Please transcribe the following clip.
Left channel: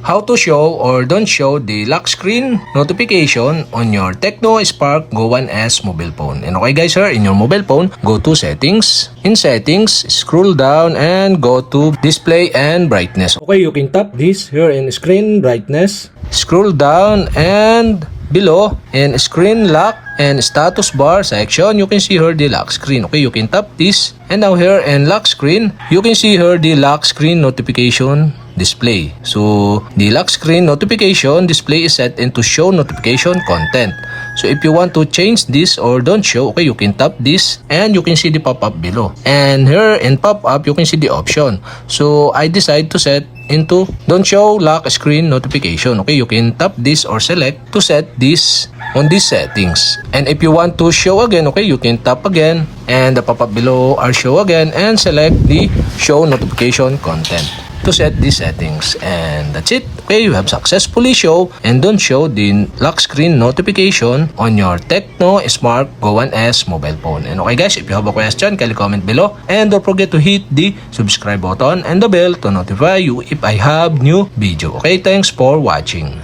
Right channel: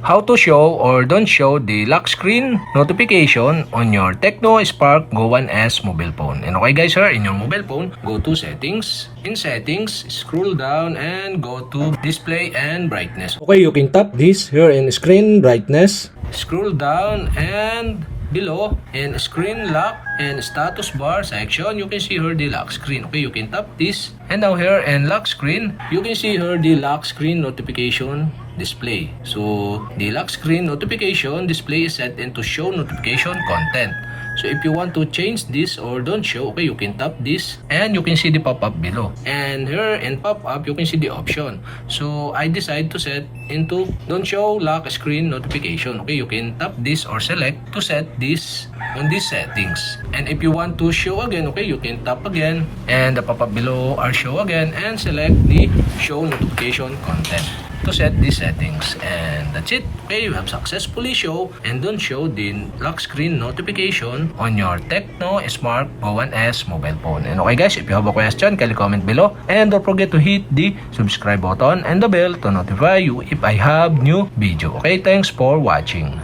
How to show or don't show the lock screen notification on your Tecno Spark Go 1S mobile phone. And okay guys, in your mobile phone, go to settings. In settings, scroll down and go to display and brightness. Okay, you can tap this here in screen brightness. Scroll down and below in screen lock and status bar section, you can see here the lock screen. Okay, you can tap this. And now here in lock screen, you can see here the lock screen notification display. So the lock screen notification display is set into show notification content. So if you want to change this or don't show, okay, you can tap this and you can see the pop-up below. And here in pop-up, you can see the option. So I decide to set into don't show lock screen notification. Okay, you can tap this or select to set this on these settings. And if you want to show again, okay, you can tap again and the pop-up below are show again and select the show notification content to set these settings. And that's it. Okay, you have successfully show and don't show the lock screen notification on your Tecno Spark Go 1S mobile phone. And okay guys, if you have a question, kindly comment below and don't forget to hit the subscribe button and the bell to notify you if I have new video. Okay, thanks for watching.